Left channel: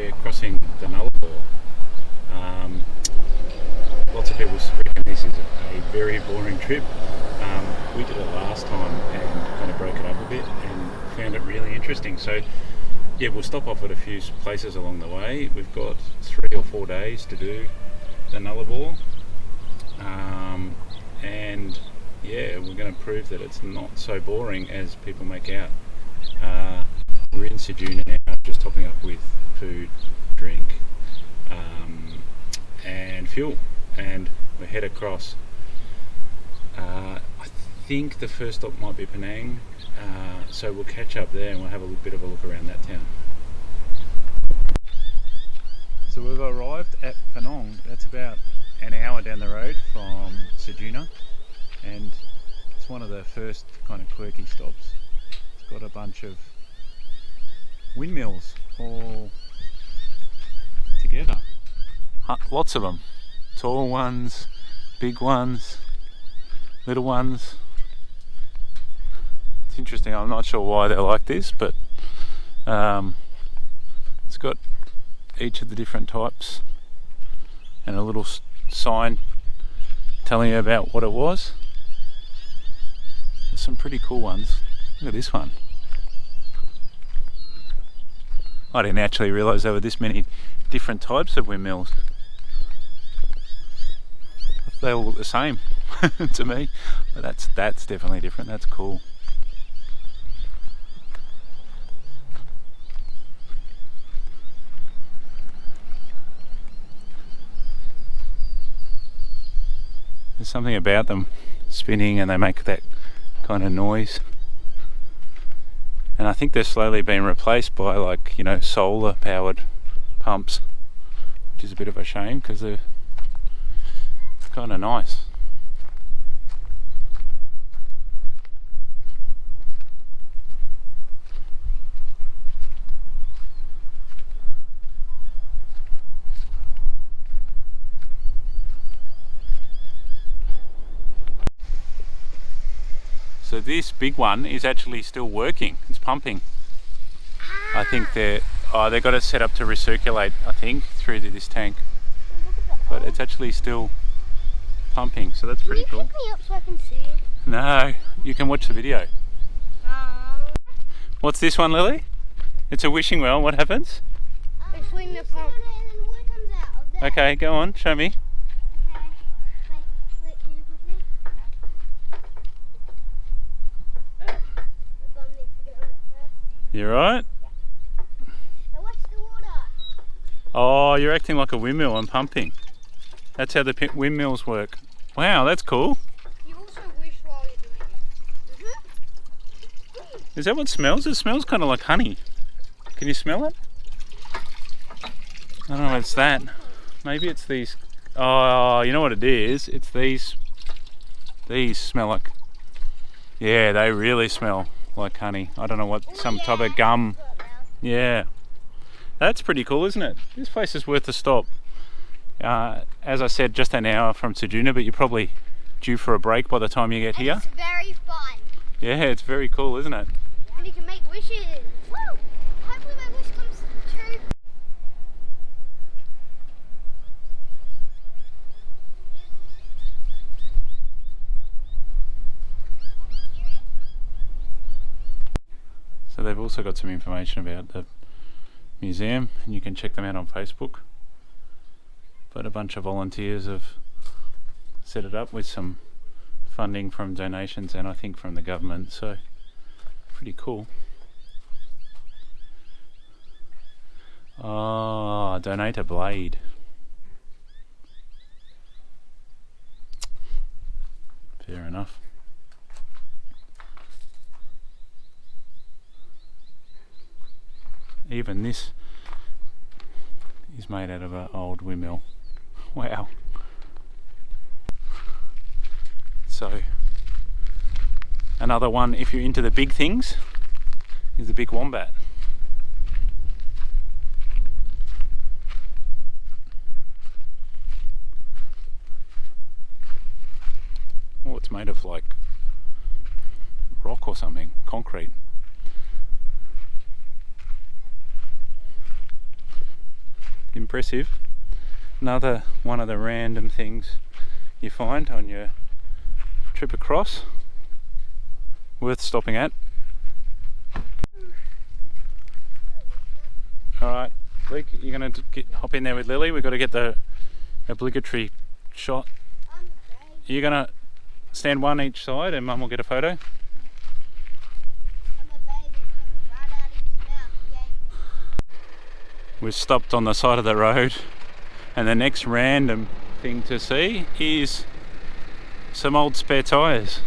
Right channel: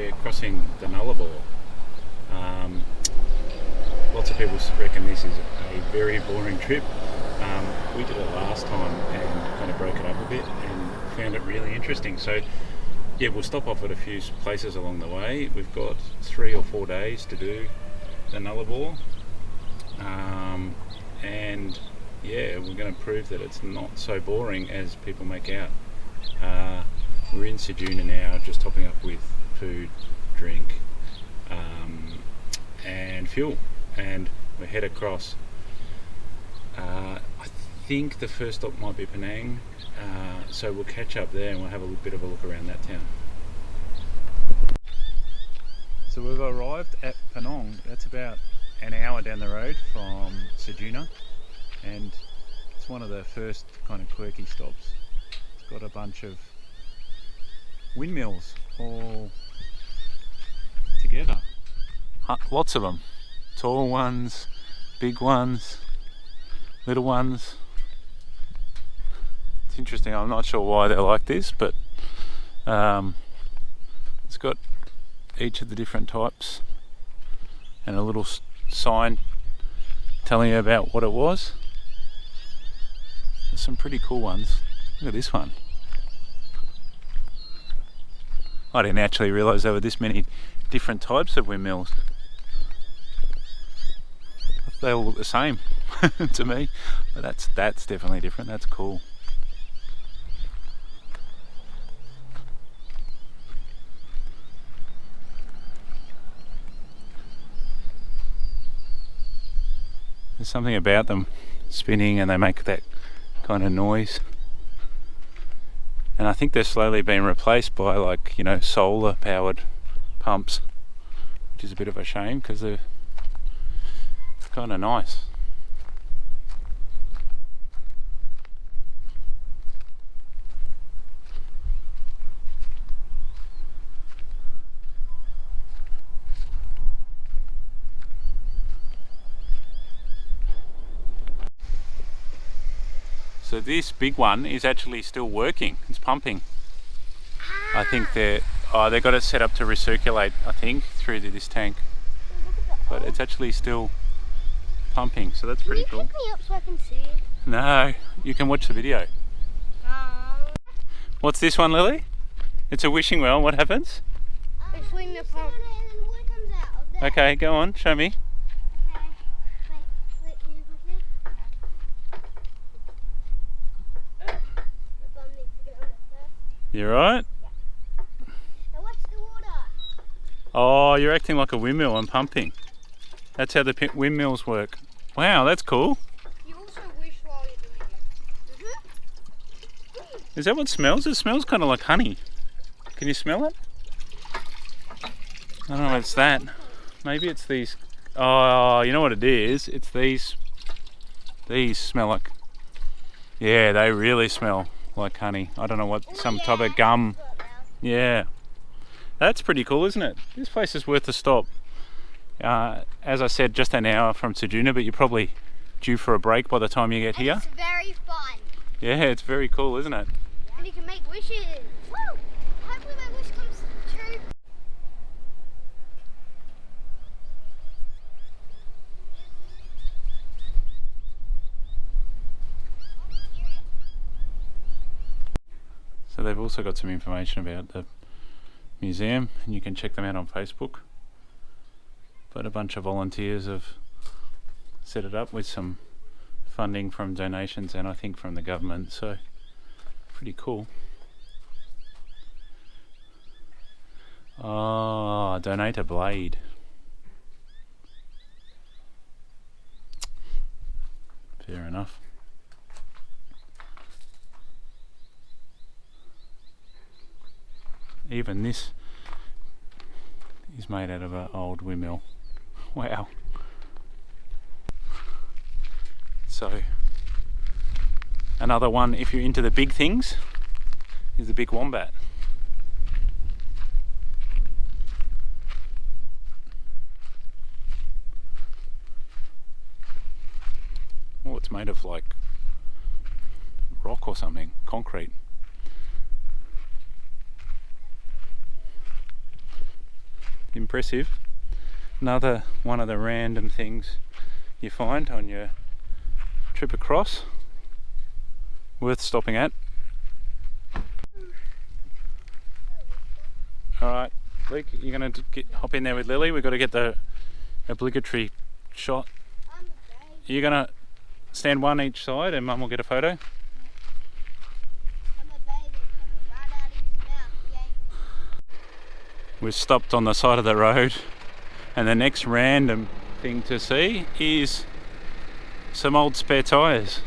we're crossing the Nullarbor. Lots of people reckon this is a very boring trip. We did it last time and kind of broke it up a bit and found it really interesting. So yeah, we'll stop off at a few places along the way. We've got 3 or 4 days to do the Nullarbor, and yeah, we're going to prove that it's not so boring as people make out. We're in Ceduna now, just topping up with food, drink, and fuel, and we head across. I think the first stop might be Panong, so we'll catch up there and we'll have a bit of a look around that town. So we've arrived at Panong. That's about an hour down the road from Ceduna, and it's one of the first kind of quirky stops. It's got a bunch of windmills all together. Lots of them. Tall ones, big ones, little ones. It's interesting, I'm not sure why they're like this, but it's got each of the different types and a little sign telling you about what it was. There's some pretty cool ones. Look at this one. I didn't actually realise there were this many different types of windmills. They all look the same to me, but that's definitely different. That's cool. There's something about them spinning and they make that kind of noise. And I think they're slowly being replaced by, like, you know, solar powered pumps, which is a bit of a shame because they're kind of nice. So this big one is actually still working. It's pumping. I think they've got it set up to recirculate, I think, through this tank. But it's actually still pumping, so that's pretty cool. Can you pick me up so I can see it? No, you can watch the video. What's this one, Lily? It's a wishing well. What happens? They swing the pump. And then water comes out of there. Okay, go on, show me. Okay. Wait, can you push me? The bum needs to get on there first. You right? Yeah. Now watch the water. Oh, you're acting like a windmill and pumping. That's how the windmills work. Wow, that's cool. You also wish while you're doing it. Is that what smells? It smells kind of like honey. Can you smell it? I don't know if it's that. Maybe it's these. Oh, you know what it is? It's these. These smell like. Yeah, they really smell like honey. I don't know what, some type of gum. Yeah. That's pretty cool, isn't it? This place is worth a stop. As I said, just an hour from Ceduna, but you're probably due for a break by the time you get here. It's very fun. Yeah, it's very cool, isn't it? And you can make wishes. Woo! Hopefully my wish comes true. So they've also got some information about the museum, and you can check them out on Facebook. But a bunch of volunteers have set it up with some funding from donations and I think from the government, so pretty cool. Oh, donate a blade. Fair enough. Even this is made out of an old windmill. Wow. So another one, if you're into the big things, is the big wombat. Oh, it's made of like rock or something, concrete. impressive. Another one of the random things you find on your trip across. Worth stopping at. Alright, Luke, you're going to hop in there with Lily. We've got to get the obligatory shot. You're going to stand one each side and Mum will get a photo. We've stopped on the side of the road, and the next random thing to see is some old spare tyres.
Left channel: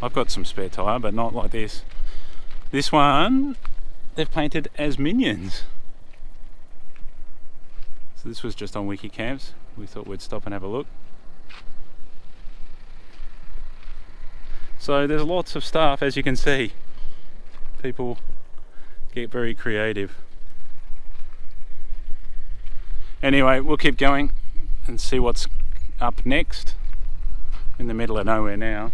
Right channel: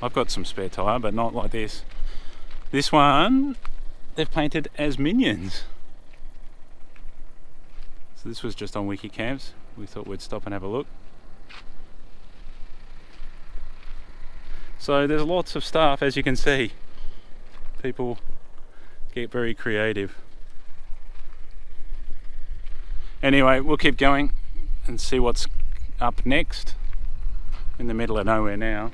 I've got some spare tyre, but not like this. This one they've painted as minions. So this was just on Wiki Camps. We thought we'd stop and have a look. So there's lots of stuff, as you can see. People get very creative. Anyway, we'll keep going and see what's up next. In the middle of nowhere now.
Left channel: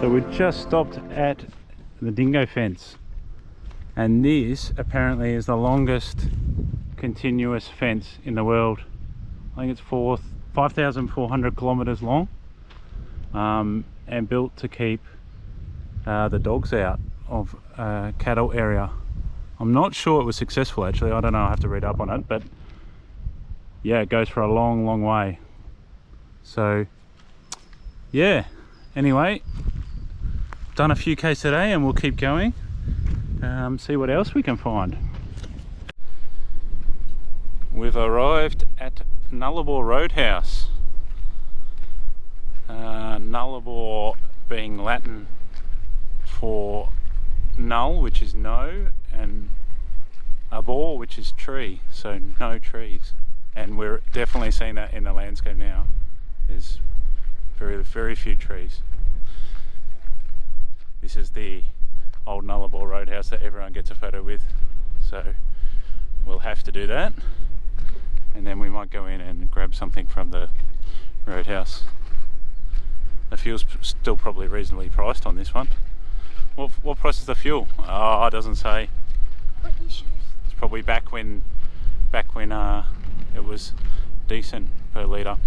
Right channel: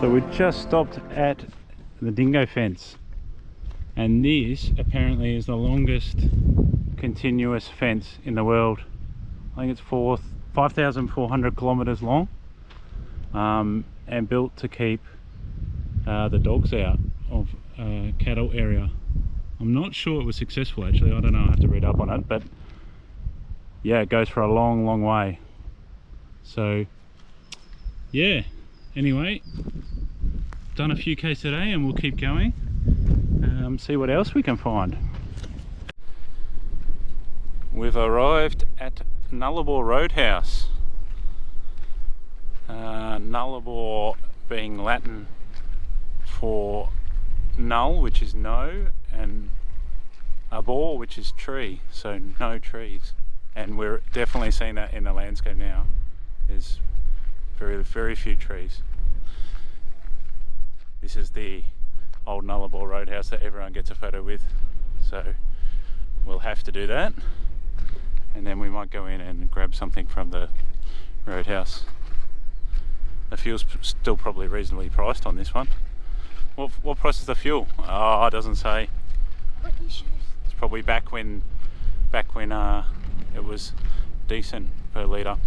So we just stopped at the Dingo fence, and this apparently is the longest continuous fence in the world. I think it's 5,400 kilometers long, and built to keep the dogs out of cattle area. I'm not sure it was successful actually, I don't know, I have to read up on it, but yeah, it goes for a long way. So yeah, anyway, done a few Ks today and we'll keep going, see what else we can find. We've arrived at Nullarbor Roadhouse. Nullarbor being Latin for null, which is no, and arbor, which is tree, so no trees. And we're definitely seeing that in the landscape now. There's very few trees. This is the old Nullarbor Roadhouse that everyone gets a photo with, so we'll have to do that, and then we might go in and grab something from the roadhouse. The fuel's still probably reasonably priced on this one. What price is the fuel? Oh, it doesn't say. It's probably back when it was decent per litre.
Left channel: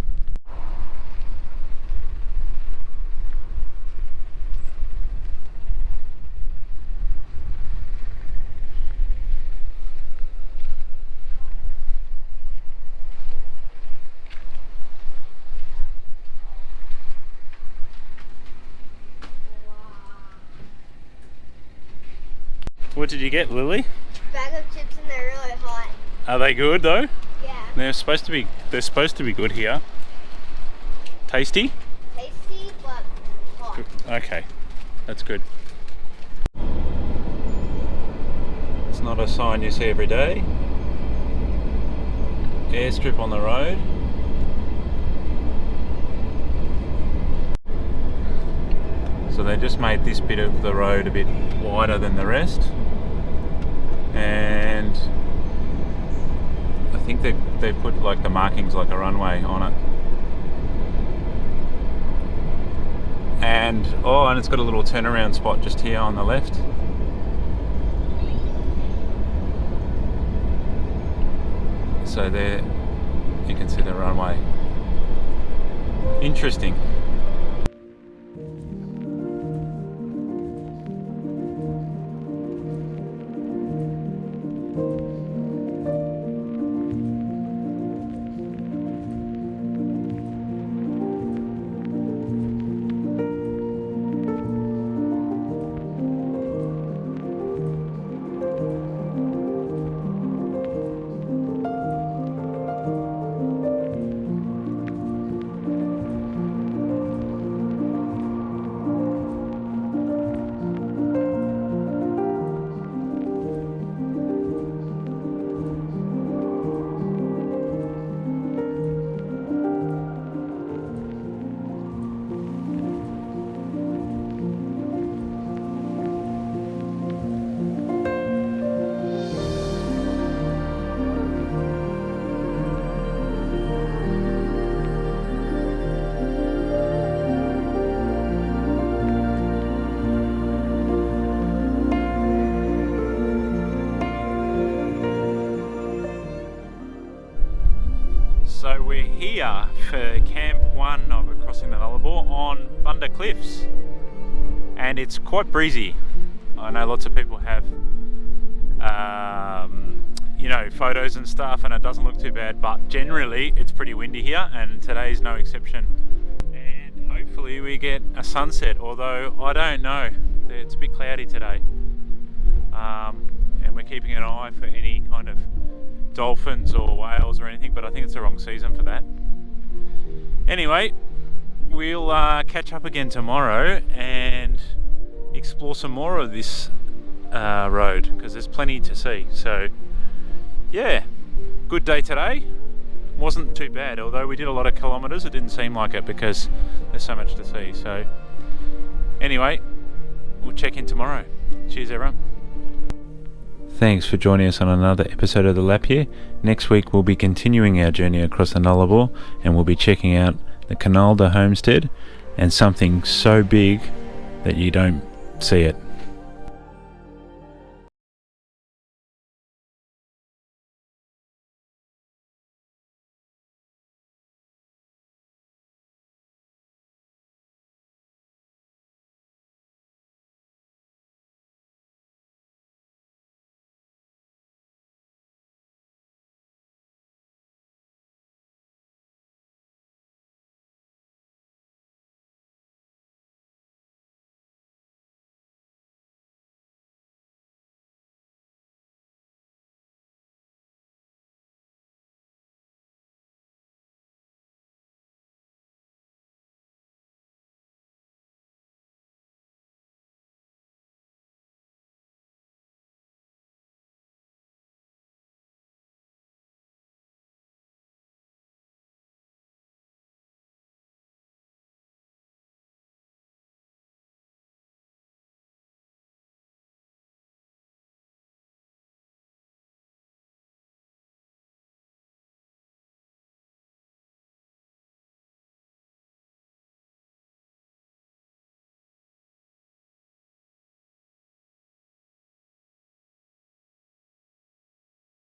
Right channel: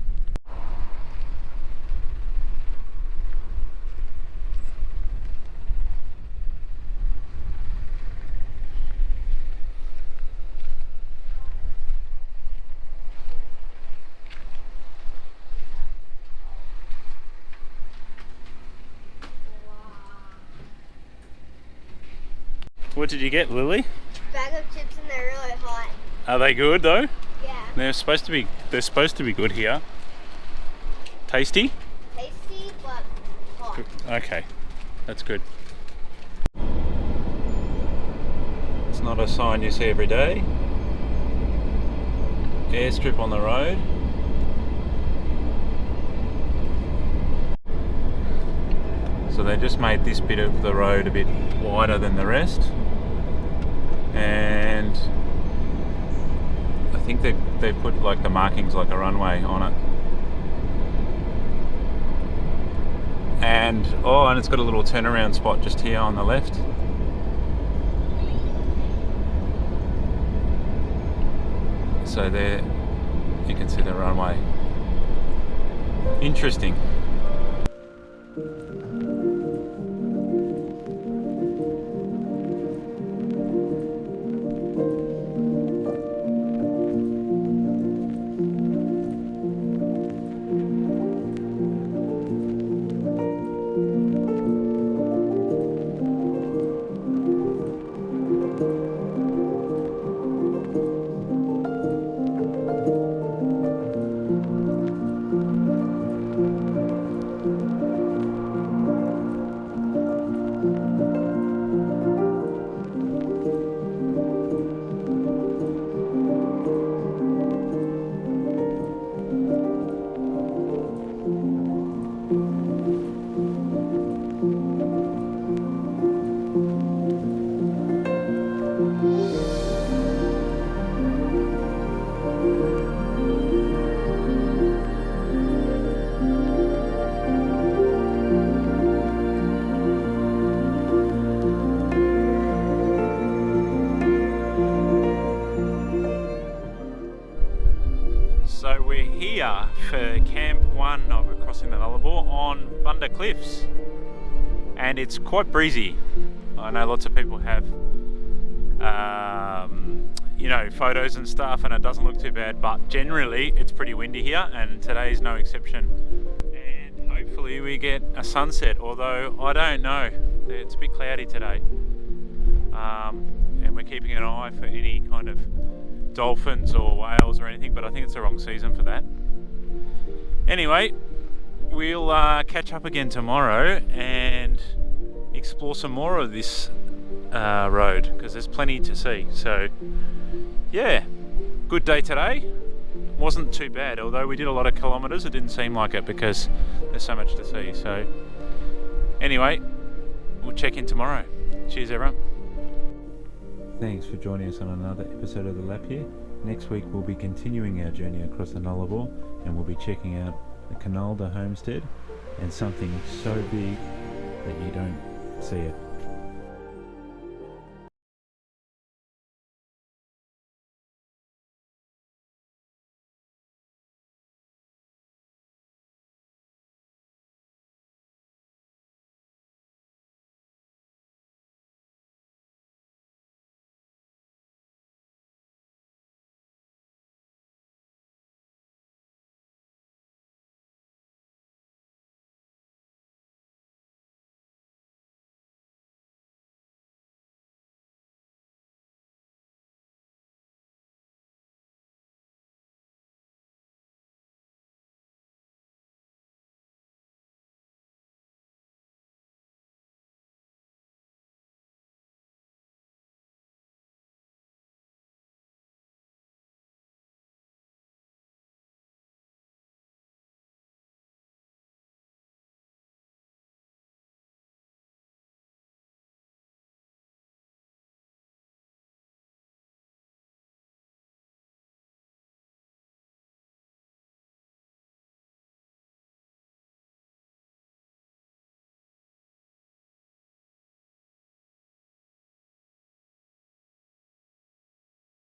What did you get, Lily? Bag of chips, and they're really hot. Are they good though? Yeah. They're supposed to be good here. Tasty? Tasty, but hot. Okay, that's good. It's not a sign you see every day. Airstrip on the road. So they just made this bit of the road a bit wider than the rest, and I think they put like the markings like a runway on it, and it's got a little turnaround spot just here on the left. So there you can see the runway. Interesting. So we're here for Camp 1 of Crossing the Nullarbor on Bunda Cliffs, and it's quite breezy. I know lots of people have you know, photos and stuff, and it doesn't look too bad, but generally it's pretty windy here, and today's no exception. And hopefully we get a sunset, although I don't know, it's a bit cloudy today. And we're keeping an eye for any kind of dolphins or whales or anything, but I think it's the wrong season for that. Anyway, we'll catch up again tomorrow and explore some more of this road, because there's plenty to see. So yeah, good day today. Wasn't too bad, although we did a lot of kilometres. It didn't seem like it because there's so much to see. So anyway, we'll check in tomorrow. Cheers everyone. Thanks for joining us on another episode of The Lap here. Next week we'll be continuing our journey across the Nullarbor, and we'll be checking out the Canalda homestead and something so big that you don't see it.